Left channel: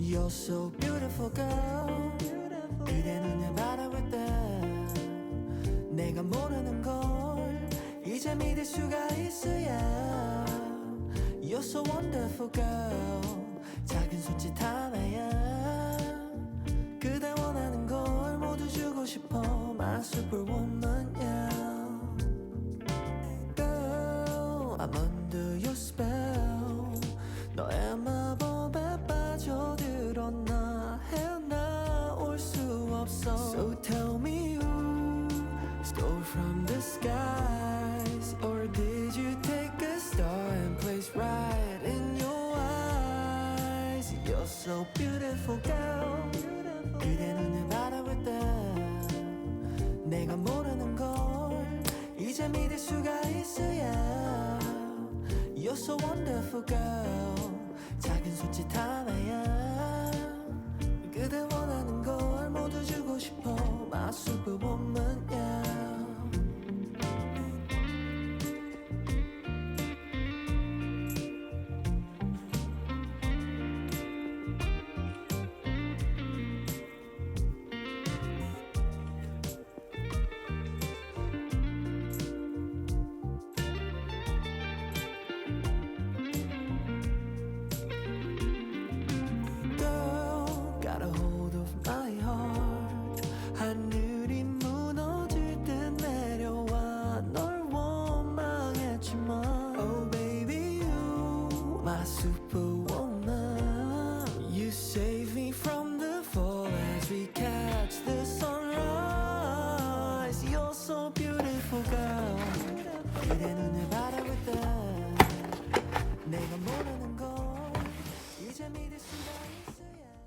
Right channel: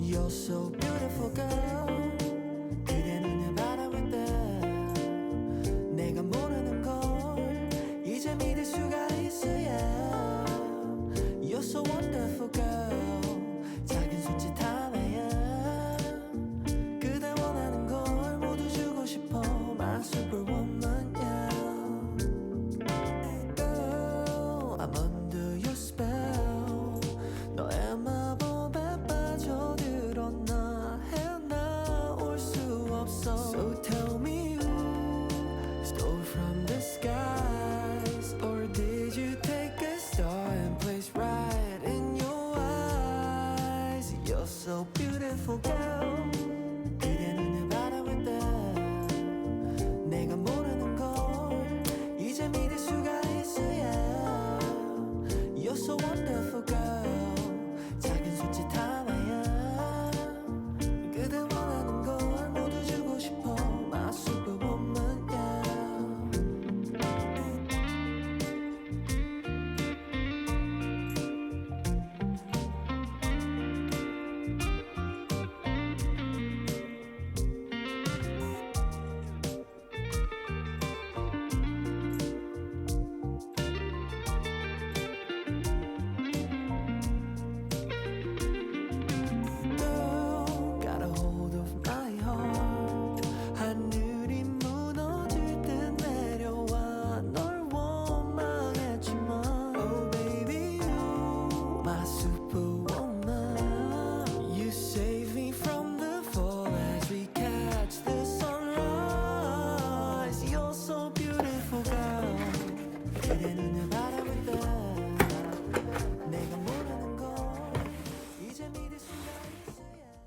You're so beautiful girl. 그대 눈을 바라볼 때 내가 모르는 걸 이제 믿을 수가 있어. Yeah. You're so wonderful girl. 작은 손짓 하나야 그대 원하는 걸 모두 주고 싶어. My superwoman, yeah. Girl, I'm under your spell. 너의 마법에 빠져들었나 헤어나올 수 없어. So tell me who stole from the skies, or did you take a star and place right in your eyes? You're so beautiful girl. 그대 눈을 바라볼 때 내가 모르는 걸 이제 믿을 수가 있어. Yeah. You're so wonderful girl. 작은 손짓 하나야 그대 원하는 걸 모두 주고 싶어. My superwoman, yeah. Girl, got a hold of my heart. 하늘이 무너질 듯 내려와 널 원망했지만 Oh baby you my superwoman. You save me from the fall as we catch the sunrise. You're so beautiful girl. 그대 눈을 바라볼 때 내가 모르는 걸 이제 믿을 수가 있어. Yeah.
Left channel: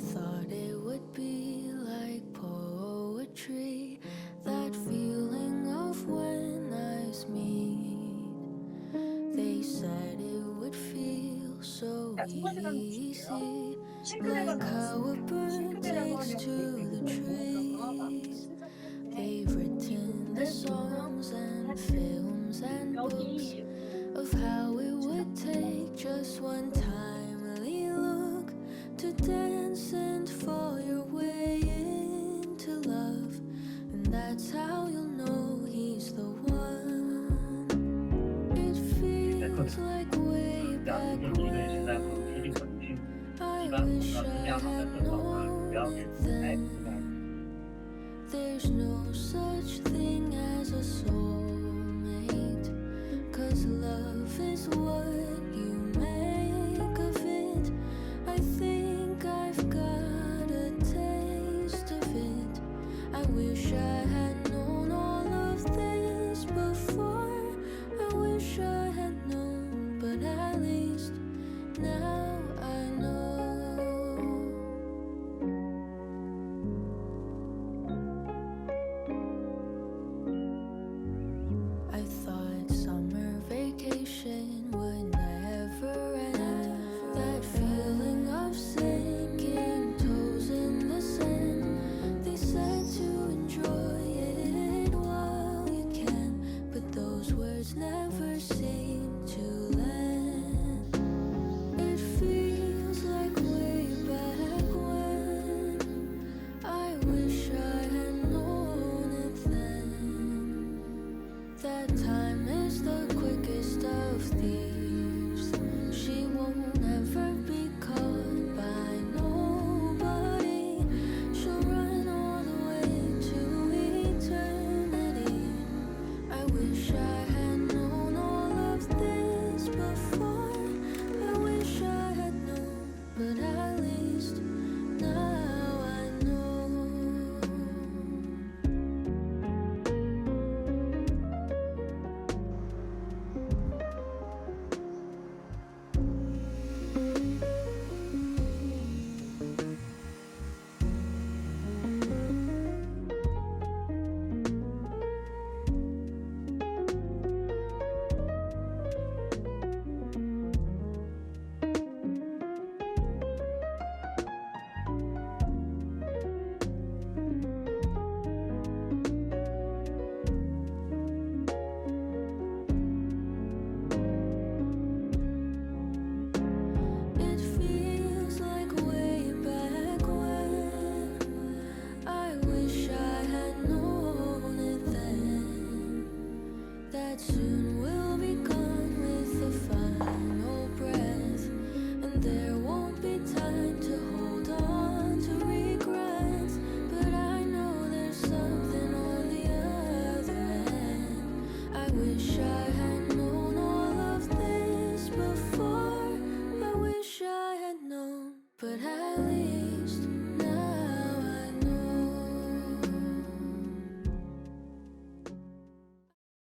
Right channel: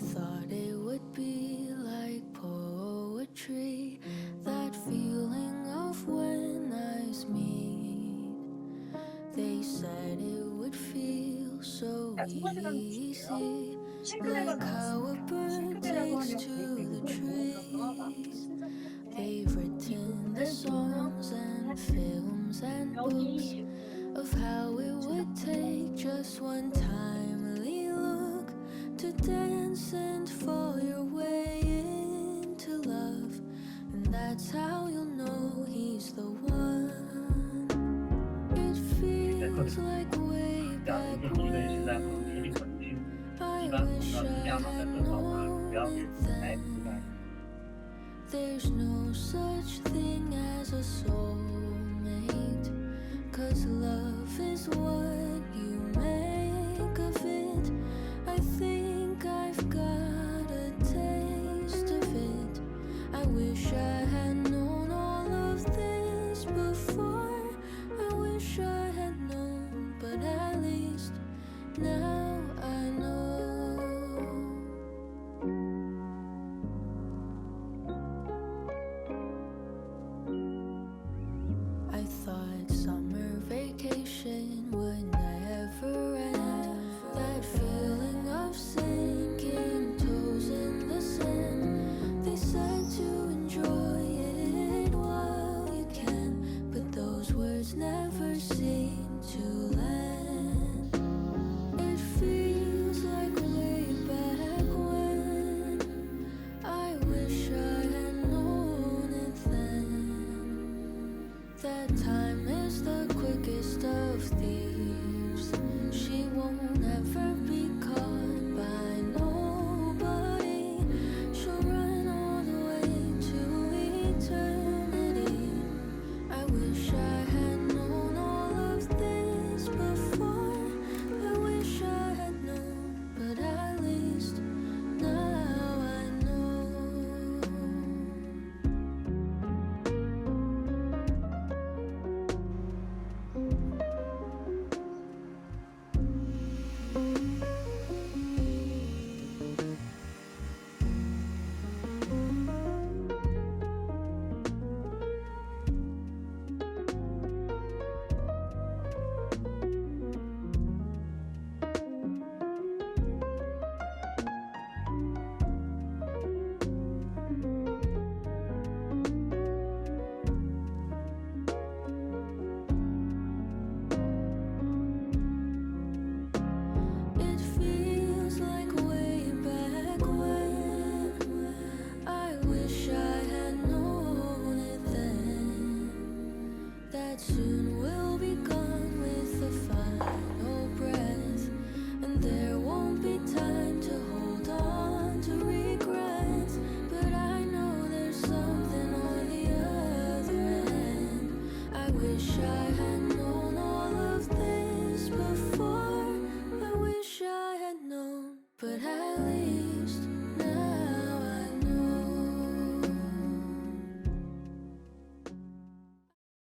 thought it would be like poetry, that feeling of when eyes meet. They said it would feel so 자, 첫 번째 단어 보실게요. easy, 싱크대가 like how a 나왔습니다. bird 싱크대라고 takes 하면 to 저희 the 대부분에서가 많이 trees. 쓰죠. They've written the songs and films and books 여기 of how it would take just one timely look to dance and fall your way into love. And that's how you'll know he's the one. It feels like way 这样 back 一个现在可能 when 体力可能性， I 一般我们 wish 要 I 尽量的在 had 更早的不要 known 给 it 自己太 then. 负担。 There's no such thing as a soulmate, 'cause love is what you make of it. I think I've got a taste of it. I wish I had known all of this before. I wish I had known, but at least now I know. I thought summer vacation would never end. That feeling of sinking toes in the sand. They said to enjoy it while you can, but those words never seem to land. It feels like way back when. I wish I had known it then. That time is the quickest of thieves. She won't ever be caught by nobody. She'll run all the way to eternity. I wish I had known all of this before. I wish I had known, but at least now I know. It feels like way back when. I wish I had known it then. That soon we'll be gone with the final breath, and there won't be time to hold on to regrets. But I know there's something on the other end. I wish I had known all of this before. I wish I had known, but at